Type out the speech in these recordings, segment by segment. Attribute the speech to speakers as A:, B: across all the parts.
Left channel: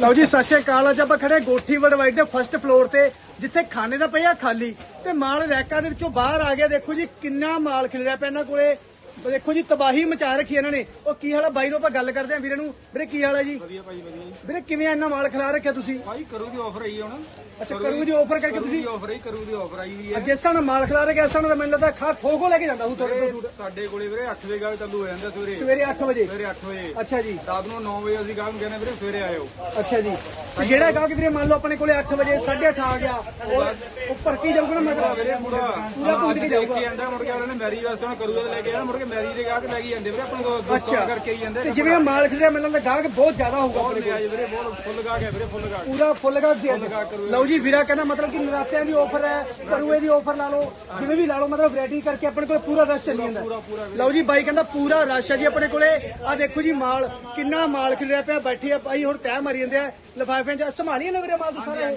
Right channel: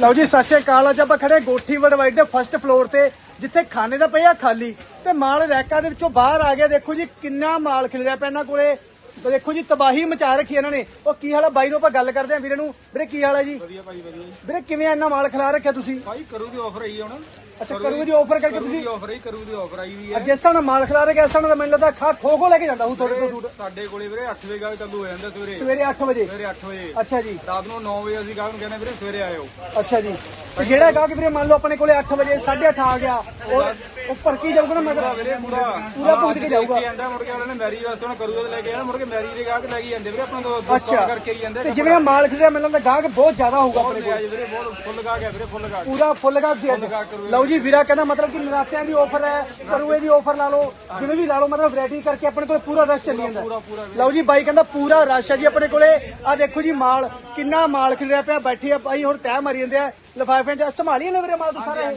A: ਲਓ ਜੀ ਸਤਿ ਸ਼੍ਰੀ ਅਕਾਲ। ਅੱਜ ਆਪਾਂ ਖੜੇ ਗੋਠੀ ਵਡਵਾਈਡ ਦੇ ਫਰਸਟ ਫਲੋਰ ਤੇ ਜਿੱਥੇ ਖਾਣੇ ਦਾ ਪਿਆ ਖਾਲੀ। ਤੇ ਮਾਲ ਰੈਕਾਂ ਦੇ ਵਿੱਚੋਂ ਬਾਹਰ ਆ ਗਿਆ। ਦੇਖੋ ਜੀ ਕਿੰਨਾ ਮਾਲ ਖਿਲਰਿਆ ਪਿਆ ਇਹਨਾਂ ਕੋਲੇ। ਦੇਖੋ ਜੀ ਤਬਾਹੀ ਮਚਾ ਰੱਖੀ ਇਹਨਾਂ ਨੇ। ਉਹ ਕੀ ਹਾਲ ਆ? ਬਾਈ ਨੂੰ ਆਪਾਂ ਗੱਲ ਕਰਦੇ ਆਂ ਵੀਰੇ ਨੂੰ। ਵੀਰੇ ਕੀ ਹਾਲ ਆ ਜੀ?
B: ਵਧੀਆ ਭਾਜੀ ਵਧੀਆ
A: ਵੀਰੇ ਕਿਵੇਂ ਇੰਨਾ ਮਾਲ ਖਿਲਾ ਰੱਖਿਆ ਤੁਸੀਂ?
B: ਭਾਈ ਕਰੂ ਦੀ ਆਫਰ ਆਈ ਹੁਣ।
A: ਅੱਛਾ ਕਰੂ ਦੀ ਆਫਰ ਕਰਕੇ
B: ਕਰੂ ਦੀ
A: ਤੁਸੀਂ?
B: ਆਫਰ ਆਈ ਕਰੂ ਦੀ ਆਫਰ ਆਈ ਵੀ ਹੈ
A: ਜਿਸ ਤਰ੍ਹਾਂ ਮਾਲ ਖਿਲਾ ਰੱਖਿਆ ਇਸ ਤਰ੍ਹਾਂ ਦਾ ਮੈਨੂੰ ਲੱਗਦਾ ਖਾ ਖੋ ਖੋ ਲੈ ਕੇ ਜਾਂਦਾ ਹੂੰ ਤੁਹਾਡੇ ਤੋਂ ਸੂਟ।
B: ਸਾਡੇ ਕੋਲੇ ਵੀਰੇ 8 ਵਜੇ ਗਾਹਕ ਚਾਲੂ ਹੋ ਜਾਂਦਾ ਸਵੇਰੇ।
A: ਸਵੇਰੇ 8 ਵਜੇ?
B: ਸਵੇਰੇ 8 ਵਜੇ।
A: ਅੱਛਾ ਜੀ।
B: ਰਾਤ ਨੂੰ 9 ਵਜੇ ਅਸੀਂ ਗਾਹਕ ਨੂੰ ਕਹਿੰਦੇ ਵੀਰੇ ਸਵੇਰੇ ਆਇਓ।
A: ਅੱਛਾ ਜੀ। ਤੇ ਜਿਹੜਾ ਕਹਾ ਕਿ ਵੀਰੇ ਮੰਨ ਲਓ ਆਪਣੇ ਕੋਲੇ 8 ਵਜੇ 8:30 ਆ ਗਿਆ ਉਹ ਉੱਪਰ ਕੀ ਜਾਊਗਾ ਨਾ
B: ਪੂਰਾ
A: ਮਤਲਬ
B: ਵੀਰੇ ਪੂਰਾ।
A: ਪੂਰਾ ਭੁੱਜ
B: ਅੱਜ
A: ਕੇ
B: ਦੇਖ
A: ਜਾਊਗਾ।
B: ਜਾਂਦਾ ਮੁੜ ਕੇ ਉਹਨਾਂ ਨੇ ਮੈਰੀ ਵਾਸਤੇ ਕਰੂਗਾ ਤੇ ਲੈ ਕੇ ਮੁੜ ਕੇ ਮੈਰੀ ਦੇ ਗਾਹਕ ਲੈ ਕੇ ਜਾਂਦੇ ਵੀਰੇ ਆਪਣੇ ਤੋਂ ਦੁਕਾਨ ਕਰਕੇ ਹੀ ਜਾਂਦੇ
A: ਤੇ ਜਿਵੇਂ ਮਾਲ ਖਿਲਿਆ ਮੈਨੂੰ ਲੱਗਦਾ ਗਾਹਕ ਬਹੁਤ ਜ਼ਿਆਦਾ ਹੋਊਗਾ
B: ਬਹੁਤ
A: ਆਪਣੇ
B: ਲੈ
A: ਕੋਲ।
B: ਆਏ ਵੀਰੇ ਬਹੁਤ ਫੁੱਲ ਗਾਹਕ ਹੈ ਵੀਰੇ ਫੁੱਲ ਗਾਹਕ।
A: ਪੂਰਾ ਫੁੱਲ
B: ਗਾਹਕ
A: ਲਓ ਜੀ ਵੀਰਾ ਕਹਿੰਦਾ ਮਤਲਬ ਕਿ ਨਰਾਤਿਆਂ ਦੀ ਆਫਰ ਹੈ ਕਰੂਏ ਦੀ ਆਫਰ ਲਾ ਲਓ ਜਿਵੇਂ ਵੀ ਲਾ ਲਓ ਮਤਲਬ ਵੈਰਾਈਟੀ ਕਰਕੇ ਆਪਣੇ ਕੋਲ ਪੂਰਾ ਰਸ਼ ਚੱਲੀ ਜਾਂਦਾ। ਲਓ ਜੀ ਬਾਈ ਕਹਿੰਦਾ ਪੂਰਾ ਰਸ਼ ਹੈ ਜੀ ਆਪਣੇ ਕੋਲੇ। ਆ ਦੇਖੋ ਜੀ ਮਾਲ ਕਿੰਨਾ ਮਾਲ ਖਿਲਿਆ ਪਿਆ ਬੈਠੀ ਆ ਬਾਈ ਹੁਣ ਟਾਈਮ ਮਾਰੀ ਜਾਂਦੇ ਆ ਲਿਫਾਫਿਆਂ ਚ ਸੰਭਾਲੀ ਨੇ ਵੀਰੇ ਮਾਲ ਤੋਂ ਸਾਰਾ?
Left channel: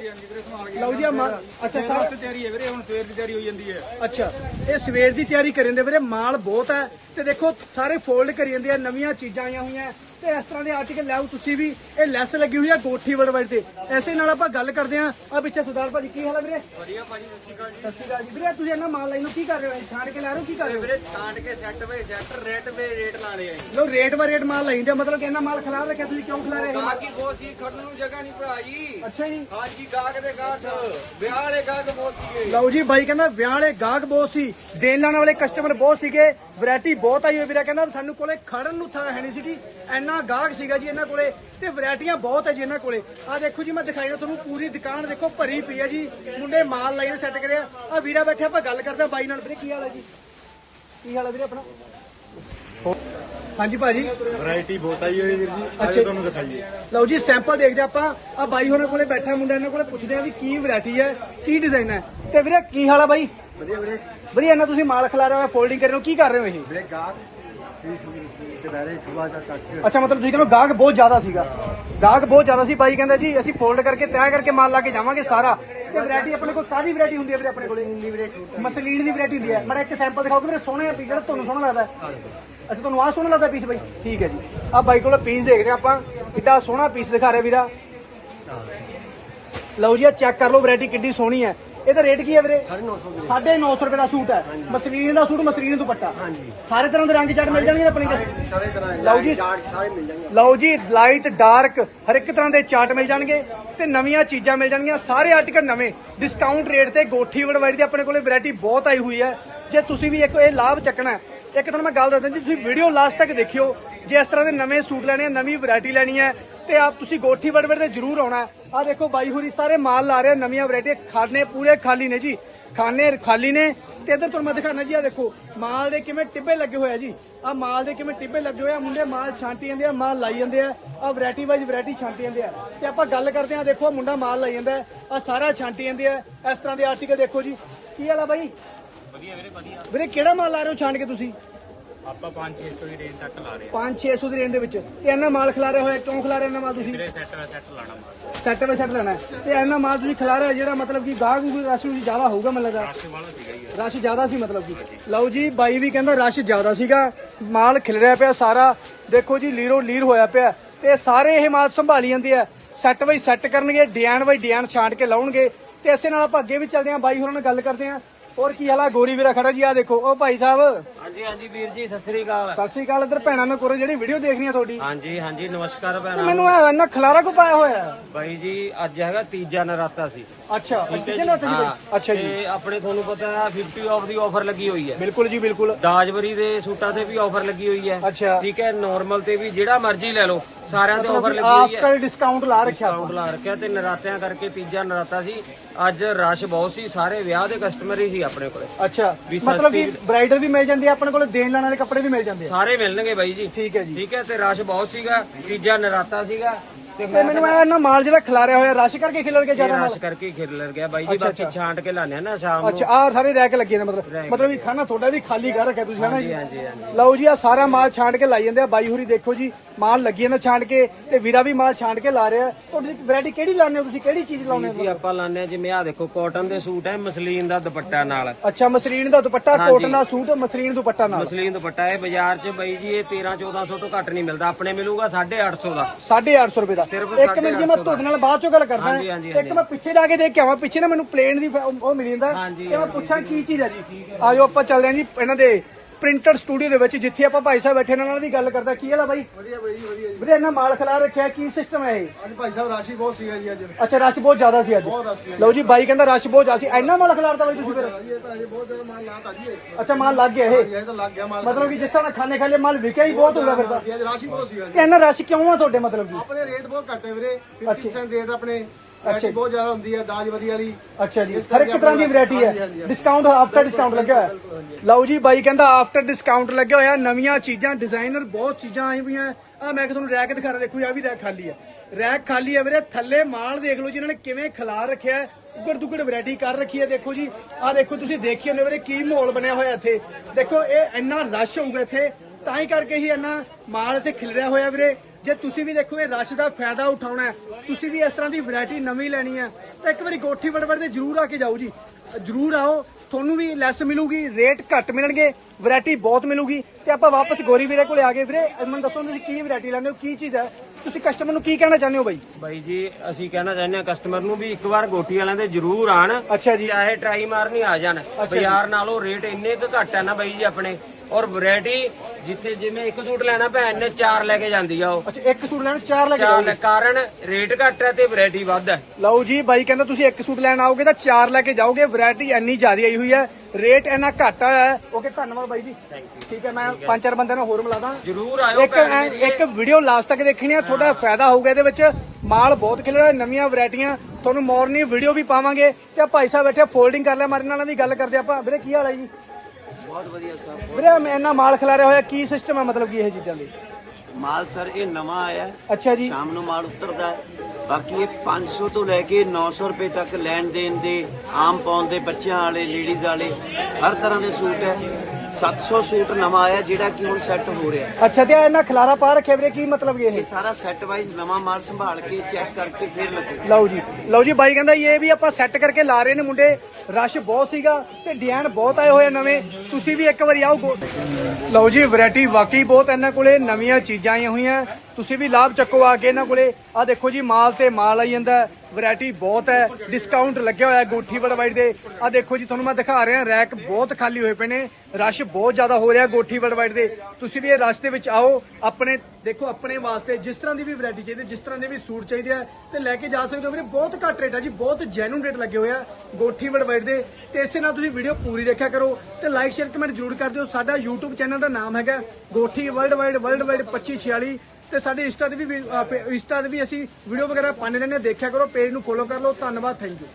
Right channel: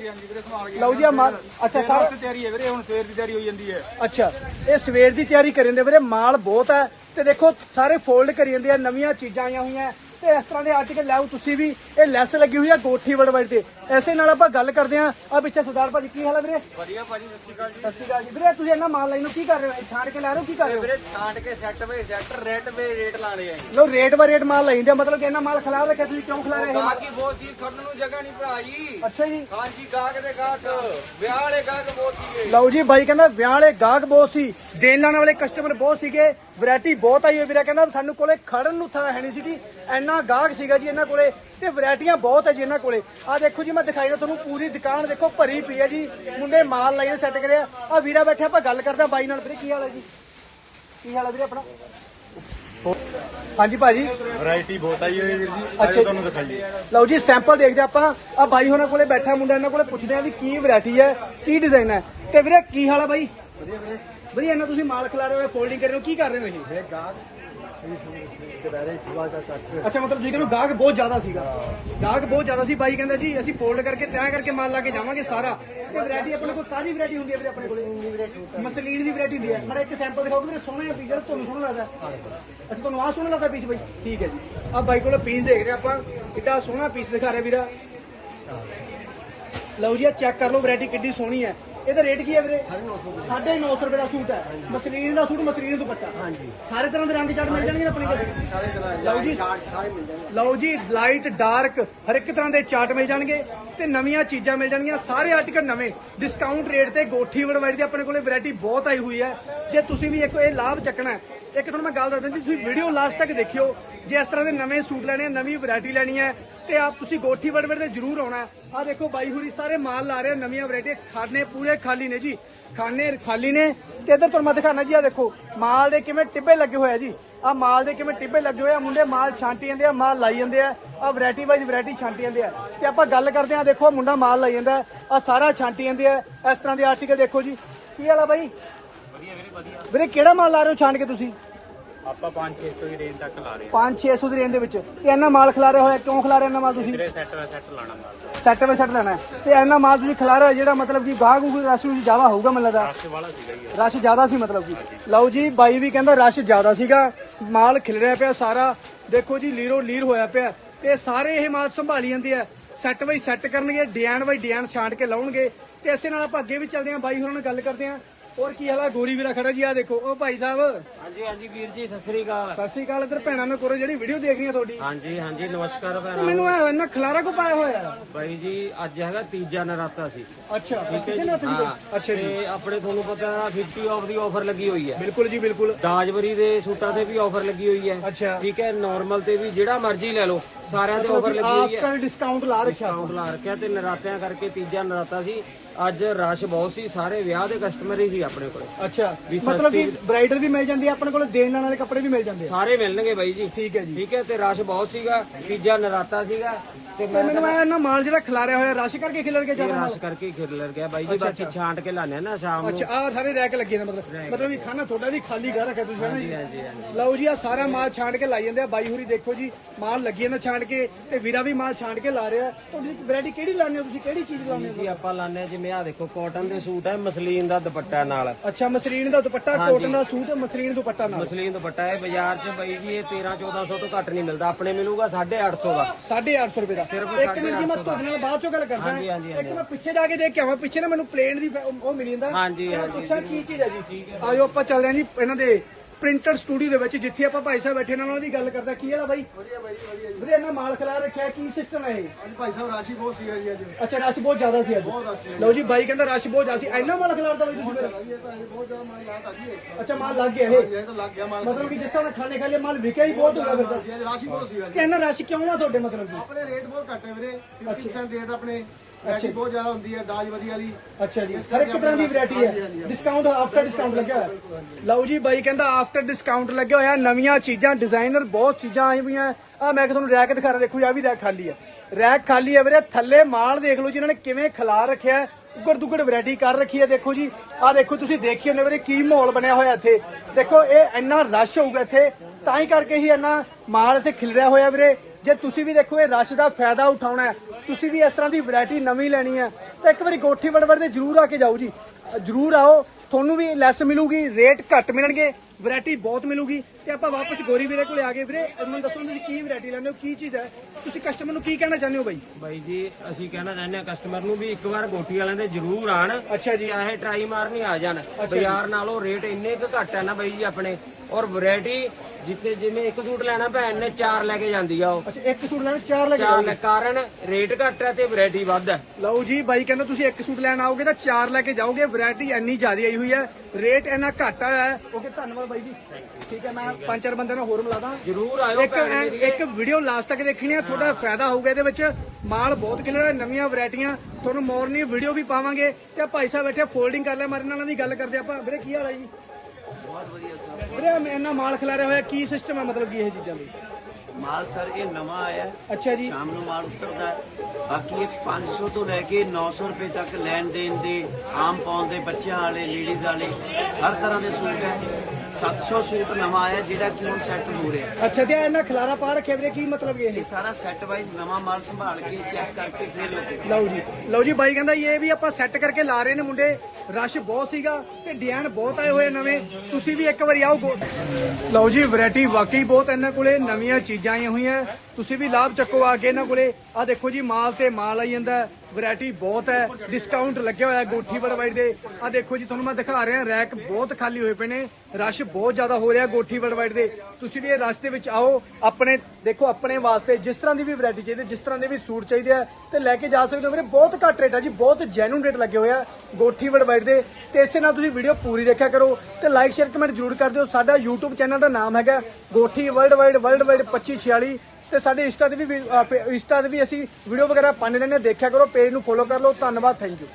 A: ਲਓ ਜੀ ਆ ਮਾਲ ਅੱਛਾ
B: ਸਵੇਰ
A: ਸਾ-
B: ਵਾਸਤੇ ਤਿਆਰੀ ਹੈ ਵੀਰੇ ਹੁਣ ਸਵੇਰ ਦੀ ਤਿਆਰੀ ਹੋਈ ਜਾਂਦੀ ਹੈ।
A: ਅੱਛਾ ਇਹ ਸਵੇਰ ਦੀ ਤਿਆਰੀ ਕਰੀ ਜਾਂਦੇ ਵੀਰੇ ਮਾਲ ਬਹੁਤ ਹੈ। ਤੇ ਦੇਖੋ ਸਾਰੇ ਫੋਲਡ ਕਰੀ ਜਾਂਦੇ ਆ ਨਵੀਆਂ ਚੀਜ਼ਾਂ ਆਈਆਂ ਹੋਈਆਂ। ਤੇ ਇਸ ਤਰ੍ਹਾਂ ਦੇ ਆਰਟੀਕਲ ਲੈਓ ਤੁਸੀਂ ਵੀ ਇਹ ਲੈਸ ਲੱਗੀ ਹੋਈ ਆ ਗੋਠੀ ਵੜਵੜ ਤੇ। ਐਸੇ ਨਾਲ ਆਪਾਂ ਗੱਲ ਕਰਦੇ ਆ ਆ ਪਿੱਛੇ ਸਰਦਾਰ ਭਾਜੀ ਕੀ ਹਾਲ ਹੈ ਵੀਰੇ?
C: ਵਧੀਆ ਭਾਜੀ ਸਤਿ ਸ਼੍ਰੀ ਅਕਾਲ ਜੀ।
A: ਸਤਿ ਸ਼੍ਰੀ ਅਕਾਲ ਜੀ। ਵੀਰੇ ਤੁਸੀਂ ਇਹਨਾਂ ਮਾਲ ਲਾਈ ਨੂੰ ਕੀ ਕਰ ਰਹੇ ਹੋ? ਛਾੜ ਕੇ ਲੈ ਰਹੇ ਹੋ ਕੀ ਕਰ ਰਹੇ ਹੋ?
C: ਵੀਰੇ ਛਾਂਟ ਕੇ ਸੈੱਟ ਵੇ ਸੈੱਟ ਰੇਟ ਵੇ ਰੇਟ ਲਾਣੇ ਆ
A: ਲੋ ਰੇਟ ਵਾ ਰੇਟ ਮਾਲ ਲਾਈ ਜਾਂਦੇ ਆ, ਮਤਲਬ ਕਿ ਇਹਨਾਂ ਮਾਲ ਖਿਲਾ ਰੱਖਿਆ ਤੁਸੀਂ ਕਿਉਂ ਖਿਲਾ ਰਹੇ ਹੋ?
C: ਗਾਹਕੀ ਬਹੁਤ ਸੀ ਖੜਨ ਨੂੰ ਜਗ੍ਹਾ ਨਹੀਂ ਭਰਾਈ
A: ਅੱਛਾ ਜੀ।
C: ਹਾਂਜੀ ਗਾਹਕ ਦੇ ਗਾਹਕ। ਵਿਆਹ ਵਾਲੇ ਗਾਹਕ ਬਹੁਤ ਸੀਗੇ।
A: ਲਓ ਜੀ ਬਾਈ ਕਹਿੰਦਾ ਵਿਆਹ ਵਾਲੇ ਗਾਹਕ ਬਹੁਤ ਸੀ ਦੇਣ ਲੈਣ ਵਾਲੇ ਕਸਟਮਰ ਬਹੁਤ ਸੀਗੇ। ਵੈਰਾਈਟੀ ਬਹੁਤ ਆਈ ਹੋਈ ਵੀਰਾ ਕਹਿੰਦਾ ਸਾਨੂੰ ਕੋਲੇ ਖੜਨ ਨੂੰ ਥਾਂ ਹੈ ਨਹੀਂ ਸੀਗੀ। ਇੰਨਾ ਗਾਹਕ ਸੀਗਾ ਜੀ ਇਹਨਾਂ ਕੋਲੇ ਤੇ ਵੈਰਾਈਟੀਆਂ ਬਹੁਤ ਹੈ ਜੀ ਇਹਨਾਂ ਕੋਲੇ। ਆ ਦੇਖੋ ਜੀ ਮੈਂ ਦਿਖਾਈ ਰਿਹਾ ਤੁਹਾਨੂੰ ਪੂਰੀ ਦੁਕਾਨ ਦੇਖੋ ਭਰੀ ਪਈ ਹੈ ਜੀ। ਮੁੰਡੇ ਮਾਲ ਲਾਈਨ ਸੈੱਟ ਕਰਿਆ। ਆ ਵੀਰਾ ਬੈਠੇ ਆਪਾਂ ਗੱਲ ਕਰਦੇ ਆ ਬਾਈ ਨਾਲ। ਵੀਰੇ ਕੀ ਹਾਲ ਹੈ ਜੀ? ਕੀ ਹਾਲ ਹੈ ਵੀਰੇ ਆਪਣਾ? ਹਾਂਜੀ ਭਾਜੀ।
B: ਵੈਰਾਈਟੀ ਬਹੁਤ ਆਈ ਹੋਈ ਵੀਰ ਜੀ।
A: ਅੱਛਾ ਜੀ।
B: ਤੁਹਾਨੂੰ ਦਿਖਾਈਏ।
A: ਲਓ ਜੀ ਸੈਂਪਲ ਦੇਖਦੇ ਆਪਾਂ। ਆ ਬਾਈ ਹੋਣਾ ਕੋਲੇ ਬੈਠਾ ਮੁੰਡਾ ਇਹਨਾਂ ਕੋਲੇ ਪੁੱਛਦੇ ਆ ਵੀ ਕੀ ਵੈਰਾਈਟੀ ਹੈ ਕੀ ਡਿਜ਼ਾਈਨ ਹੈ। ਤੇ ਵੀਰੇ ਕੀ ਹਾਲ ਆ ਬਾਈ?
B: ਵਧੀਆ ਵੀਰੇ।
A: ਵਧੀਆ ਨਾ ਤੁਸੀਂ ਮਾਲ ਖਿਲਾ ਰਹੇ ਹੋ ਫੋਲਡਿੰਗ ਕਰ ਰਹੇ ਹੋ ਕੀ ਕਰ ਰਹੇ ਹੋ ਇਹ?
B: ਵੀਰੇ ਗਾਹਕ ਕਿਦਾਰੇ ਸੁਬਾਹ ਦਾ ਤੱਕ।
A: ਅੱਛਾ ਮਤਲਬ ਜੀ ਕਹਿੰਦੇ ਗਾਹਕ ਬਹੁਤ ਜ਼ਿਆਦਾ ਸੀਗਾ। ਗਾਹਕ ਬਹੁਤ ਜ਼ਿਆਦਾ ਸੀ ਬਾਈ ਕਹਿੰਦਾ ਜੀ ਅਸੀਂ ਫੋਲਡ ਕਰਕੇ ਤੈਅ ਕਰਕੇ ਮਾਲ ਲਾ ਕੇ ਜਾਵਾਂਗੇ ਸਾਰਾ। ਵੈਰਾਈਟੀ ਆਪਣੇ ਕੋਲ ਸਾਰੀ ਵੈਰਾਈਟੀ ਹੁੰਦੀ ਹੈ ਵੀਰੇ ਆਪਣੇ ਕੋਲ। ਮਸਲੀਨ ਦੀ ਵੈਰਾਈਟੀ ਹੁੰਦੀ ਹੈ। ਮੈਂ ਇੱਕ ਸੈਂਪਲ ਦਿਖਾਓ ਵੀਰੇ ਸੋਹਣੇ ਪੀਸ ਜਿਹੜਾ ਤੁਹਾਨੂੰ ਸੋਹਣਾ ਲੱਗਦਾ। ਅੱਛਾ ਤੁਹਾਨੂੰ ਆਹ ਸੋਹਣਾ ਲੱਗਦਾ ਪੀਸ ਬਾਈ। ਠੀਕ ਹੈ ਜੀ। ਆ ਬਾਈ ਕੋਲ ਪੀਸ ਦੇਖਦੇ ਆਪਾਂ। ਕਿੱਡਾ ਸੋਹਣਾ ਪੀਸ ਦਿਖਾ ਰਿਹਾ ਵੀਰਾ। ਲਓ ਜੀ ਚੈੱਕ ਕਰ ਲਓ ਵੈਰਾਈਟੀ ਕਿੱਡੀ ਸੋਹਣੀ ਹੈ। ਇਹਦਾ ਰੇਟ ਕੀ ਹੈ ਵੀਰੇ? 950 ਰੁਪਏ। ਦਾ ਸੂਟ ਹੈ। ਮਸਲੀਨ ਦਾ ਸੂਟ ਮਸਲੀਨ ਦੁਪੱਟਾ। ਹਾਂਜੀ। ਸਾਰੇ ਤਰ੍ਹਾਂ ਦੇ ਰੰਗ ਚਾਟ ਮਿਲ ਜਾਣਗੇ ਆਪਣੇ ਕੋਲ?
B: ਸਾਰੇ ਤਰ੍ਹਾਂ
A: ਲਓ ਜੀ।
B: ਸਾਰੇ ਮਿਲ ਜਾਣਗੇ।
A: ਲਓ ਜੀ ਲਾਈਟ ਡਾਰਕ ਹਰ ਇੱਕ ਤਰ੍ਹਾਂ ਦੇ ਚਾਰਟ ਮਿਲ ਜਾਣਗੇ ਤੇ ਨਵੀਆਂ ਚੀਜ਼ਾਂ ਮਿਲ ਜਾਣਗੀਆਂ। ਸਾਰੇ ਆਰਟੀਕਲ ਨਵੇਂ। ਡਿਸਕਾਊਂਟ ਰੇਟ ਤੇ ਗੋਠੀ ਵਡਵਾਈਡ ਦੀ ਆਪਣੇ ਕੋਲੇ ਵੈਰਾਈਟੀ ਬਹੁਤ ਆਈ ਹੋਈ ਹੈ। ਜੇ ਤੁਸੀਂ ਵੀ ਇੱਕ ਇਹ ਲਾਭ ਚੱਕਣਾ ਹੈ ਇੱਕ ਤੁਹਾਨੂੰ ਮੈਂ ਗੱਲ ਦੱਸਦਾ ਜੀ ਤੁਸੀਂ ਵੀਡੀਓ ਲਾਸਟ ਤੱਕ ਦੇਖਿਓ। ਜੇ ਇਸ ਤਰ੍ਹਾਂ ਦੇ ਨਵੇਂ ਸੂਟ ਲੈਣੇ ਆ ਨਵੀਂ ਵੈਰਾਈਟੀ ਲੈਣੀ ਹੈ ਤੇ ਆਪ ਤੁਸੀਂ ਗੋਠੀ ਵਡਵਾਈਡ ਤੇ ਜ਼ਰੂਰ ਆਉਣਾ ਆ ਦੇਖੋ ਬਾਈ ਹੋਰੀ ਸਾਰੇ ਮਾਲ ਲਾ ਰਹੇ ਨਵੀਆਂ ਵੈਰਾਈਟੀ ਖਾਨੇ ਪੂਰੇ ਖਾਲੀ ਨੇ ਜੀ। ਖਾਨੇ ਖਾਲੀ ਨੇ ਤੇ ਇਧਰ ਤੁਹਾਨੂੰ ਮੈਂ ਦਿਖਾਣਾ ਜੀ ਆ ਦੇਖੋ ਮਾਲ ਦੇ ਕਿਵੇਂ ਟਿੱਬੇ ਲੱਗੇ ਹੋਏ ਆ ਜੀ। ਆ ਮਾਲ ਦੇ ਕਿਵੇਂ ਟਿੱਬੇ ਲੱਗੇ ਹੋਏ ਆ ਮੁੰਡੇ ਮਾਲ ਛਾਂਟੀ ਜਾਂਦੇ ਆ ਮਾਲ ਲਾਈ ਜਾਂਦੇ ਆ ਆ ਵੈਰਾਈਟੀ ਵਾਈਜ਼ ਵੈਰਾਈਟੀ ਛਾਂਟੀ ਜਾਂਦੇ ਆ। ਤੇ ਆਪਾਂ ਗੱਲ ਕਰਦੇ ਆ ਦੇਖੋ ਮੁੰਡਾ ਮਾਲ ਲਾਈ ਜਾਂਦਾ ਆ ਸਾਰਾ ਛਾਂਟੀ ਜਾਂਦੇ ਆ ਇਸ ਤਰ੍ਹਾਂ ਦੇ ਆਰਟੀਕਲ ਦੇਖੋ ਜੀ। ਕੀ ਆ ਬਾਈ?
C: ਵਧੀਆ ਵੀਰੇ ਵਧੀਆ।
A: ਵੀਰੇ ਕਿਹੜਾ ਮਾਲ ਲਾ ਰਹੇ ਹੋ ਛਾਂਟ ਕੇ ਤੁਸੀਂ?
C: ਆਪਾਂ 5-600 ਦੀ ਰੇਂਜ ਤੱਕ ਲਾ ਰਹੇ
A: 5-600 ਦੀ ਰੇਂਜ ਦੇ ਵਿੱਚ। ਤੇ ਇੰਨਾ ਮਾਲ ਖਿਲਾ ਰਹੇ ਹੋਇਆ ਕਿਉਂ ਖਿਲਾ ਰਹੇ ਇੰਨਾ ਮਾਲ ਤੁਸੀਂ?
C: ਵੀਰੇ ਸੈੱਟ ਵੇ ਸੈੱਟ ਲਾਣਾ ਮਾਰ
A: ਸੈੱਟ ਵੇ ਸੈੱਟ ਲੈਣਾ ਹੈ। ਤੇ ਇੰਨਾ ਮਾਲ ਤੁਸੀਂ ਖਿਲਾ ਰਹੇ ਹੋ ਜਿਹੜਾ ਮਤਲਬ ਕਿ ਗਾਹਕ ਨੂੰ ਰਸ਼ ਵੀ ਜ਼ਿਆਦਾ ਹੋਊਗਾ ਮੈਨੂੰ ਲੱਗਦਾ।
C: ਰਸ਼ ਵਾਲਾ ਸੀਗਾ ਜੀ।
A: ਰਸ਼ ਜ਼ਿਆਦਾ ਸੀ ਮਤਲਬ ਕਿ। ਲਓ ਜੀ ਬਾਈ ਵੀ ਕਹਿੰਦਾ ਰਸ਼ ਜ਼ਿਆਦਾ ਸੀਗਾ। ਮਾਲ ਖਿਲ ਰਿਹਾ ਪਿਆ ਸਾਰਾ। ਦੇਖੋ ਜੀ ਲੀਰੋ ਲੀਰ ਹੋਇਆ ਪਿਆ। ਤੇ ਸਾਰੇ ਇਹ ਮਾਲ ਸੰਭਾਲੀ ਜਾਂਦੇ ਆ। ਸੈੱਟ ਬਾਈ ਸੈੱਟ ਕਰਨਗੇ ਡਿਜ਼ਾਈਨ ਬਾਈ ਡਿਜ਼ਾਈਨ ਛਾਂਟ ਕੇ ਲਾਉਣਗੇ। ਤੇ ਇਸੇ ਨਾਲ ਆਪਾਂ ਅੱਗੇ ਵੀ ਚੱਲਦੇ ਆਂ ਬਾਈ ਹੋਰਾਂ ਨਾਲ ਗੱਲ ਕਰਦੇ ਆਂ ਹੋਰ ਕੀ ਹਾਲ ਗੋਰੀ ਵੀਰਾ ਖੜਾ ਜੀ ਆ? ਦੇਖੋ ਉਹ ਭਾਈ ਸਾਹਿਬ।
C: ਹਾਂਜੀ ਹਾਂਜੀ ਵੀਰ ਜੀ ਸਤਿ ਸ੍ਰੀ ਅਕਾਲ।
A: ਸਤਿ ਸ੍ਰੀ ਅਕਾਲ। ਇਧਰ ਭੈਣਾਂ ਨੂੰ ਕਰੋ ਜਿਹੜੀ ਵੀਡੀਓ ਦੇਖ ਰਹੀ ਆ ਤੁਹਾਡੀ।
C: ਹਾਂਜੀ ਹਾਂਜੀ ਨਮਸਕਾਰ ਭੈਣਾਂ
A: ਮੈਨੂੰ ਇਹ ਇੰਨਾ ਖਲਾਰਾ ਕੋ ਪਾਇਆ ਹੋਇਆ?
C: ਬਾਈ ਜੀ ਅੱਜ ਹੈਗਾ ਤੀਜਾ ਨਰਾਤਾ ਸੀ।
A: ਅੱਛਾ
C: ਠੀਕ ਹੈ
A: ਕਿੱਥੇ
C: ਜੀ?
A: ਨਾ ਉੱਥੇ
C: ਹਾਂ
A: ਅੱਛਾ ਜੀ।
C: ਤੇ ਆਪਣੇ ਤੁਹਾਨੂੰ ਪਤਾ ਹੈ 50 ਆਫ ਦੀ ਆਫਰ ਲੱਗੀ ਹੋਈ ਹੈ।
A: ਬਿਲਕੁਲ ਜੀ ਬਿਲਕੁਲ।
C: ਦਾਜਵਰੀ ਦੇ ਸੂਟਾਂ ਤੇ ਵੀ ਆਫਰ ਲੱਗੀ ਹੋਈ ਹੈ।
A: ਅੱਛਾ।
C: ਠੀਕ ਹੈ ਨਾਰਮਲ ਤੇ ਵੀ ਜਿਹੜਾ ਮਰਜ਼ੀ ਲੈ ਲਓ। ਸਾਰਿਆਂ ਤੇ ਆਫਰ ਲੱਗੀ ਹੋਈ ਹੈ।
A: ਕਾ ਡਿਸਕਾਊਂਟ ਲਾ ਰੱਖਿਆ
C: ਡਿਸਕਾਊਂਟ ਲਾ ਰੱਖਿਆ ਤੇ ਨਰਾਤਿਆਂ ਕਰਕੇ ਤੀਜਾ ਨਰਾਤਾ ਸੀ। ਅੱਜ ਰਸ਼ ਬਹੁਤ ਸੀ ਸਾਰੇ ਵਿਆਹ ਦੇ ਕਸਟਮਰ ਹੀ ਸੀ ਆਪਣੇ ਕੋਲੇ।
A: ਅੱਛਾ ਮਤਲਬ ਕਿ ਬ੍ਰਾਈਡਲ ਵੀ ਮਿਲ ਜਾਂਦੀ ਹੈ ਆਪਣੇ ਕੋਲ ਦੇਣ ਲੈਣ ਵਾਲੇ ਕੱਪੜੇ ਵੀ ਮਿਲ ਜਾਂਦੇ ਆ।
C: ਸਾਰੇ ਮਿਲਣਗੇ ਬਾਈ ਜੀ।
A: ਠੀਕ ਹੈ ਜੀ।
C: ਠੀਕ ਹੈ ਤੇ ਰਸ਼ ਬਹੁਤ ਸੀਗਾ ਤੀਜਾ ਨਰਾਤਾ ਸੀਗਾ। ਤੇ
A: ਮੈਨੂੰ ਇਹ ਨਾ ਮਾਲ ਜਿਹੜਾ ਖਿਲਾਰਿਆ ਹੋਇਆ ਰਸ਼ ਕਰਕੇ ਖਿਲਰ ਗਿਆ
C: ਇਹ
A: ਜ਼ਿਆਦਾ ਮਾਲ।
C: ਰਸ਼ ਕਰਕੇ ਖਿਰਲਰ ਗਿਆ ਬਾਈ ਜੀ ਬਾਕੀ। ਛਾਂਟ ਕੇ ਲਾਣੇ ਨਾ ਸ਼ਾਮ ਨੂੰ।
A: ਅੱਛਾ ਆਹ ਸਾਰੇ ਰੈਕ ਲੱਗੇ ਨੇ ਮਤਲਬ। ਮਤਲਬ ਵੀ ਖਾਣਾ ਤੁਹਾਡਾ ਵੀ ਖਾਲੀ ਕਰ ਰੱਖਿਆ ਤੁਸੀਂ ਹਨਾ ਜੀ?
C: ਹਾਂਜੀ ਹਾਂਜੀ
A: ਲਓ ਜੀ ਆ ਸਾਰਾ ਮਾਲ ਛਾਂਟ ਕੇ ਲਾਈ ਜਾਂਦੇ ਆ। ਬਾਈ ਹੋਰੀ ਦੇਖੋ ਜੀ ਮਾਲ ਲੱਗੀ ਜਾਂਦਾ ਛਾਂਟ ਕੇ ਤੇ ਵੀਰਾ ਵੀ ਮਾਲ ਛਾਂਟ ਕੇ ਲਾ ਰਿਹਾ। ਤੁਹਾਡੀ ਵੈਰਾਈਟੀ ਕਿਹੜੀ ਲਾਉਂਦੇ ਹੋ ਤੁਸੀਂ? ਕਿਹੜੀ ਚੀਜ਼ ਲਾਉਂਦੇ
C: ਜੀ ਆਪਾਂ ਲਾਣੇ ਜਿਵੇਂ ਆ ਦੇਖੋ ਕਾਟਨ ਦੇ ਸੂਟ ਹੈ ਮਸਲੀਨ ਦਾ ਦੁਪੱਟਾ ਨਾਲ।
A: ਹੋ ਅੱਛਾ ਮਸਲੀਨ ਦਾ ਦੁਪੱਟਾ। ਕੋਟਨ ਦਾ ਸੂਟ ਮਸਲੀਨ ਦੁਪੱਟਾ ਨਾਲ।
C: ਮਸਲੀਨ ਦੁਪੱਟਾ ਇਹ ਬਾਜ਼ਾਰ 'ਚ ਬਾਈ ਜੀ ਇਹ 13 1400 ਤੋਂ ਘੱਟ ਨਹੀਂ ਮਿਲਦਾ। ਆਪਣੇ ਮਿਲੂਗਾ 850 ਦਾ।
A: 850 ਰੁਪਏ ਦਾ।
C: ਸਿਰਫ
A: ਇੱਕ ਮਿੰਟ ਜੀ ਮੈਂ
C: 850
A: ਤੁਹਾਡੇ ਨਾਲ ਬਾਅਦ ਚੋਂ ਗੱਲ ਕਰਦਾ।
C: ਹਾਂਜੀ, ਹਾਂਜੀ,
A: ਇੱਕ ਮੈਂ ਪਿੱਛੇ ਜਾ ਕੇ ਦੇਖ ਕੇ ਆਵਾਂ ਪਿੱਛੇ ਨਾ ਮੈਨੂੰ ਪਲੇਨ ਦੀ ਉਹ ਉਹ ਮਿਲੀ ਜਾਂਦਾ।
C: ਹਾਂਜੀ,
A: ਤੇ ਮੈਂ ਪੁੱਛਾਂ ਕੀ ਚੀਜ਼ ਹੈ ਜੀ? ਆਜੋ ਆਪਾਂ ਚੱਲਦੇ ਹਾਂ ਜੀ ਇਹਨਾਂ ਦੇ ਪ੍ਰਿੰਟਰ ਸਟੂਡੀਓ ਦੇ ਵਿੱਚ ਜਿੱਥੇ ਆਪਾਂ ਭਾਈ ਸਾਹਿਬ ਬੈਠੇ ਨੇ ਉਹਨਾਂ ਦੀ ਗੱਲ ਕਰਦਾ ਕੀ ਹਾਲ ਆ ਬਾਈ?
B: ਵਧੀਆ ਬਾਈ ਜੀ ਵਧੀਆ ਜੀ।
A: ਵੀਰੇ ਇਹਨਾਂ ਮਾਲ ਖਲਾ ਰੱਖਿਆ ਕੀ ਸਿਸਟਮ ਹੈ ਇਹ?
B: ਅੱਜ ਭਾਈ ਸਾਹਿਬ ਰਾਸ਼ੀ ਬਹੁਤ ਸੀਗਾ ਜੀ ਅੱਜ।
A: ਅੱਛਾ ਰਸ਼ ਬਹੁਤ ਜ਼ਿਆਦਾ ਸੀ ਅੱਜ।
B: ਬਹੁਤ ਰਸ਼ ਸੀ
A: ਲਓ ਜੀ ਬਾਈ ਕਹਿੰਦਾ ਰਸ਼ ਬਹੁਤ ਜ਼ਿਆਦਾ ਸੀ। ਇੰਨਾ ਮਾਲ ਖਲਾਰਦਾ ਬਾਈ ਤੁਸੀਂ ਫਿਰ?
B: ਜੀ ਇਹ ਤਾਂ ਅਜੇ ਬਹੁਤ ਜ਼ਿਆਦਾ ਮਾਲ ਲਾਤਾ ਜੀ ਇਹ।
A: ਅੱਛਾ ਮਾਲ ਲੱਗ ਗਿਆ ਇਹ?
B: ਇਹ ਤਾਂ ਲੱਗ ਗਿਆ ਮਾਲ
A: ਮਤਲਬ ਕਿ ਜਿਸ ਤਰ੍ਹਾਂ ਖਾਣੇ ਖਾਲੇ ਮਾਲ ਵਿਕਿਆ ਹੀ ਬਹੁਤ ਫਿਰਦਾ
B: ਜੀ ਅੱਜ ਰਾਸ਼ੀ ਬਹੁਤ ਸੀਗਾ ਜੀ।
A: ਤੇ ਇੰਨਾ ਰਸ਼ ਕਿਉਂ ਆ ਤੁਹਾਡੇ ਮਤਲਬ ਜੀ
B: ਆਪਣੇ ਰੇਟ ਬਹੁਤ ਘੱਟ ਹੈ ਵੀਰੇ। 50% ਰੇਟ ਆਪਣੇ। ਵੈਰਾਈਟੀ ਬਹੁਤ ਜ਼ਿਆਦਾ ਹੁੰਦੀ ਹੈ ਦਾਜ ਵਧੀਆ ਵਾਲੀ।
A: ਅੱਛਾ ਜੀ। ਹਰ ਇੱਕ ਤਰ੍ਹਾਂ ਦੀ ਵੈਰਾਈਟੀ ਹੈ। ਡਿਸਕਾਊਂਟ ਆਫਟਰ ਡਿਸਕਾਊਂਟ ਲੱਗਿਆ। ਹੋਇਆ ਲਓ ਜੀ ਬਾਈ ਕਹਿੰਦਾ ਆਫਟਰ ਡਿਸਕਾਊਂਟ ਲੱਗਿਆ ਹੋਇਆ ਨਵੀਆਂ ਚੀਜ਼ਾਂ ਡਿਜ਼ਾਈਨਰ ਬਹੁਤ ਚੀਜ਼ਾਂ ਆਈ ਹੋਈਆਂ। ਆ ਮੈਂ ਤੁਹਾਨੂੰ ਰੈਕ ਦਿਖਾ ਰਿਹਾ ਦੇਖੋ ਆ ਵੀ ਰੈਕ ਖਾਲੀ ਹੈ। ਰੈਕ ਖਾਲੀ ਹੈ ਵੀਰੇ ਥੱਲੇ ਮਾਲ ਦੇਖ ਲਓ ਜੀ ਇਹਨਾਂ ਨੇ ਕਿਵੇਂ ਖਿਲਾ ਰੱਖਿਆ ਉੱਗੜ ਦੁੱਗੜ ਵੈਰਾਈਟੀ ਕਰ ਰੱਖੀ ਹੈ ਦੇਖੋ ਜੀ। ਆ ਦੇਖੋ ਤੁਸੀਂ ਦੇਖੀ ਹੁੰਦੇ ਵੀਰੇ ਕੀ ਮਾਹੌਲ ਬਣਿਆ ਹੋਇਆ ਇੱਥੇ। ਦੇਖੋ ਇਹ ਇੰਨਾ ਰਸ਼ ਹੋਊਗਾ ਇੱਥੇ। ਤਾਂ ਹੀ ਕਰਕੇ ਹੀ ਇੰਨਾ ਮਾਲ ਇੱਥੇ ਖਿਲਰਿਆ ਹੋਇਆ ਵੀਰੇ। ਜੇ ਤੁਸੀਂ ਵੀ ਦੇਖੋ ਇਹ ਰਸ਼ ਦਾ ਫਾਇਦਾ ਉਠਾਉਣਾ ਹੈ। ਤੁਸੀਂ ਵੀ ਇਸ ਤਰ੍ਹਾਂ ਦੀ ਵੈਰਾਈਟੀ ਨਵੀਂ ਲੈਣੀ ਹੈ। ਤਾਂ ਇੱਕ ਵਾਰੀ ਗੋਠੀ ਵੜਵੜ ਦੇ ਜਰੂਰ ਆ ਕੇ ਜਾਓ ਜੀ। ਜਰੂਰ ਆਓ। ਤੁਹਾਨੂੰ ਵੀ ਲੈਸ ਮਿਲੂਗੀ ਰੇਟ ਘੱਟ ਮਿਲਣਗੇ ਵੈਰਾਈਟੀ ਬਹੁਤ ਮਿਲੂਗੀ। ਤੇ ਆਪਾਂ ਵਾਪਸ ਗੋਰੀ ਵੀਰੇ ਕੋਲੇ ਆ ਗਏ ਵੀਰੇ। ਮੈਨੂੰ ਦੱਸੋ ਤੁਸੀਂ ਕੀ ਵੈਰਾਈਟੀ ਲੈਂਦੇ ਹੋ ਕੀ ਚੀਜ਼ ਹੈ? ਤੁਸੀਂ ਕਸਟਮਰ ਨੂੰ ਕੀ ਕਹਿਣਾ ਚਾਹੁੰਦੇ ਹੋ ਬਾਈ?
C: ਬਾਈ ਜੀ ਅਸੀਂ ਕਹਿਣਾ ਚਾਹੁੰਦੇ ਹਾਂ ਕਸਟਮਰ ਨੂੰ ਵੀ ਇੱਕ ਵਾਰ ਗੋਠੀ ਵਾਲਿਆਂ ਦੇ ਜ਼ਰੂਰ ਆਣ।
A: ਅੱਛਾ ਜੀ।
C: ਚਾਹੇ ਟਰਾਈ ਮਾਰਨੀ ਆ ਜਾਣ। ਬਾਜ਼ਾਰ ਨਾਲੋਂ ਰੇਟ ਇੰਨੇ ਕੁ ਘੱਟ ਹੈ ਨਾ ਬਾਈ ਜੀ ਆਪਣੇ। ਔਰ ਵੈਰਾਈਟੀ ਜਿੱਥੇ ਜਿਵੇਂ ਇੱਕ ਸੂਟ ਲੈਣਾ ਭੈਣ ਨੇ ਚਾਰ ਲੈ ਕੇ ਜਾਂਦੀ ਆ ਉਹ।
A: ਅੱਛਾ ਇੱਕ ਸੂਟ ਲੈਣ ਚਾਰ ਲੈ ਕੇ
C: ਚਾਰ
A: ਜਾਓਗੇ
C: ਲੈ ਕਾਰਨ ਰੇਟ ਘੱਟ ਹੈ ਤੇ ਵੈਰਾਈਟੀ ਵੱਧ ਹੈ।
A: ਲਓ ਜੀ ਬਾਈ ਕਹਿੰਦਾ ਤੁਸੀਂ ਇੱਕ ਸੂਟ ਲੈਣ ਆਓਗੇ ਤਾਂ ਚਾਰ ਲੈ ਕੇ ਜਾਓਗੇ ਵੈਰਾਈਟੀ ਇੰਨੀ ਜ਼ਿਆਦਾ ਆਈ ਹੋਈ ਹੈ ਰੇਟ ਇੰਨਾ ਘੱਟ ਹੈ। ਓਕੇ ਧੰਨਵਾਦ ਬਾਈ ਜੀ। ਠੀਕ ਹੈ ਮੈਂ ਪੰਜ ਚਾਰ ਬੰਦਿਆਂ ਨੂੰ ਹੋਰ ਮਿਲਾਦਾ।
C: ਜ਼ਰੂਰ ਆਇਓ
A: ਇੱਕ
C: ਭੈਣ ਮੇਰੀ।
A: ਇੱਕ ਵੀਡੀਓ ਲਾਸਟ ਤੱਕ ਦੇਖਣੀ ਹੈ ਤੁਹਾਡਾ ਫਾਇਦਾ ਹੋਊਗਾ ਇਹਦੇ ਵਿੱਚ। ਮਾਲ ਬਹੁਤ ਖਿਲਰਿਆ ਨਵੀਆਂ ਵੈਰਾਈਟੀਆਂ ਤੁਹਾਨੂੰ ਮਾਰਨਿੰਗ ਵੀਡੀਓ ਵੀ ਪਾਵਾਂਗੇ। ਤੇ ਭਾਈ ਸਾਹਿਬ ਬੈਠੇ ਫੋਲਡਿੰਗ ਕਰ ਲਿਆ ਮਾਰੇ ਨਾਲ ਵੀ ਗੱਲ ਕਰਦੇ ਆਪਾਂ। ਵੀਰੇ ਕੀ ਹਾਲ ਹੈ ਜੀ?
D: ਬਹੁਤ ਵਧੀਆ ਸਰ
A: ਵੀਰੇ ਮੈਂ ਇੰਨਾ ਮਾਲ ਖਿਲਾਰਿਆ ਹੋਇਆ ਕੀ ਸਿਸਟਮ ਹੈ ਮਤਲਬ ਕੀ ਇਹ ਚੀਜ਼ਾਂ ਦੀ
D: ਮਾਲ ਸਰ ਇਹ ਨਵਾਂ ਆਇਆ ਹੈ।
A: ਅੱਛਾ ਜੀ
D: ਸ਼ਾਮ ਨੂੰ ਮਾਲ ਉਤਰਦਾ ਹੈ। ਬਾਕੀ ਇਹ 500 ਤੋਂ ਲੈ ਕੇ 900 ਰੁਪਏ ਤੱਕ ਲੈਣ ਦੇਣ ਦੇ ਆਮ ਪਾਉਣ ਦੇ ਬੱਚਿਆਂ ਵਾਲੇ ਲੇਡੀਜ਼ ਵਾਲੇ ਹਰ ਤਰ੍ਹਾਂ ਦੇ ਸੂਟ ਹੈ 700 ਸੂਟ ਨਵਾਂ ਆਇਆ ਜਿਹੜਾ ਕਿ ਹੁਣ ਸੈੱਟ ਹੋ ਰਿਹਾ। ਹੈ।
A: ਅੱਛਾ ਤੇ ਆਹ ਇੰਨਾ ਖਲਾਰਾ ਪਾ ਰੱਖਿਆ ਵੀਰੇ ਕੀ ਮਤਲਬ ਜੀ ਇਹ?
D: ਇਹ ਸਾਰਾ ਸੈੱਟ ਵਾਈਜ਼ ਨਵਾਂ ਮਾਲ ਸੰਭਾਲ ਕੇ ਚੈੱਕ ਕਰਕੇ ਫਿਰ ਲੱਗੇਗਾ।
A: ਲਓ ਜੀ ਲਓ ਜੀ ਬਾਈ ਕਹਿੰਦਾ ਇਹ ਵੀ ਆਪਾਂ ਸੈੱਟ ਕਰਕੇ ਲਾ ਰਹੇ ਨੇ ਮੁੰਡੇ। ਰਸ਼ ਬਹੁਤ ਸੀਗਾ ਤੇ ਡਿਜ਼ਾਈਨ ਬਹੁਤ ਆਏ ਹੋਏ ਆ ਨਵੇਂ। ਤੁਸੀਂ ਵੀ ਇੱਕ ਵਾਰੀ ਆਓ ਗੋ- ਲਓ ਜੀ ਵੈਰਾਈਟੀ ਵਾਕਈ ਬਹੁਤ ਇਹਨਾਂ ਕੋਲੇ ਨਵੀਆਂ ਚੀਜ਼ਾਂ ਆਈਆਂ ਹੋਈਆਂ। ਤੁਸੀਂ ਵੀ ਲਾਭ ਚੱਕੋ ਆ ਕੇ ਇਹਨਾਂ ਕੋਲੇ। ਆ ਦੇਖੋ ਜੀ, ਮਾਲ ਤੇ ਮਾਲ ਆਈ ਜਾਂਦਾ ਵੈਰਾਈਟੀ ਬਹੁਤ ਹੈ। ਡਿਸਕਾਊਂਟ ਲੱਗਿਆ ਹੋਇਆ ਗੋਠੀ ਵੜਵਾਈਟ ਦੇ। ਆ ਦੇਖੋ ਜੀ, ਤੁਹਾਨੂੰ ਮੈਂ ਦਿਖਾ ਰਿਹਾ, ਰੈਕ ਬਹੁਤ ਖਾਲੀ ਹੋਏ ਪਏ ਨੇ। ਰਸ਼ ਬਹੁਤ ਜ਼ਿਆਦਾ ਹੋ ਰਿਹਾ ਗੋਠੀ ਵੜਵਾਈਟ ਦੇ। ਤੁਸੀਂ ਵੀ ਇਹ ਰਸ਼ ਦੇ ਵਿੱਚ ਆਓ। ਆਪਣੇ, ਦੇਖੋ, ਆਪਣੇ ਵਾਸਤੇ ਜਿਸ ਤਰ੍ਹਾਂ ਦੀ ਵੀ ਵੈਰਾਈਟੀ ਚਾਹੀਦੀ, ਜਿਸ ਤਰ੍ਹਾਂ ਦੇ ਵੀ ਸੂਟ ਚਾਹੀਦੇ ਆ, ਤੇ ਲੈ ਕੇ ਜਾ ਸਕਦੇ ਹੋ ਵੀਰੇ। ਬਹੁਤ ਘੱਟ ਰੇਟ ਆ ਜੀ, ਬਹੁਤ ਜੈਨੂਨ ਰੇਟ ਲੱਗੇ ਹੋਏ ਆ ਗੋਠੀ ਵੜਵਾਈਟ ਦੇ। ਤੇ ਇਸੇ ਨਾਲ ਤੁਸੀਂ ਵੀਡੀਓ ਪੂਰੀ ਦੇਖਿਆ ਕਰੋ। ਤੇ ਲਾਈਕ ਸ਼ੇਅਰ ਕਮੈਂਟ ਜ਼ਰੂਰ ਕਰ ਦਿਓ। ਸਾਡਾ YouTube ਚੈਨਲ ਦਾ ਨਾਮ ਹੈਗਾ Gothi world wide world wide 2546 ਤੇ ਸਾਡੇ ਇੰਸਟਾ ਤੇ ਵੀ ਇੰਸਟਾ ਤੇ ਵੀ ਅਸੀਂ ਵੀਡੀਓ ਵਗੈਰਾ ਪਾਉਂਦੇ ਰਹਿੰਦੇ ਹਾਂ। ਦੇਖਿਆ ਕਰੋ ਪੇਜ ਨੂੰ ਫੋਲੋ ਕਰ ਲਓ। ਧੰਨਵਾਦ ਥੈਂਕ ਯੂ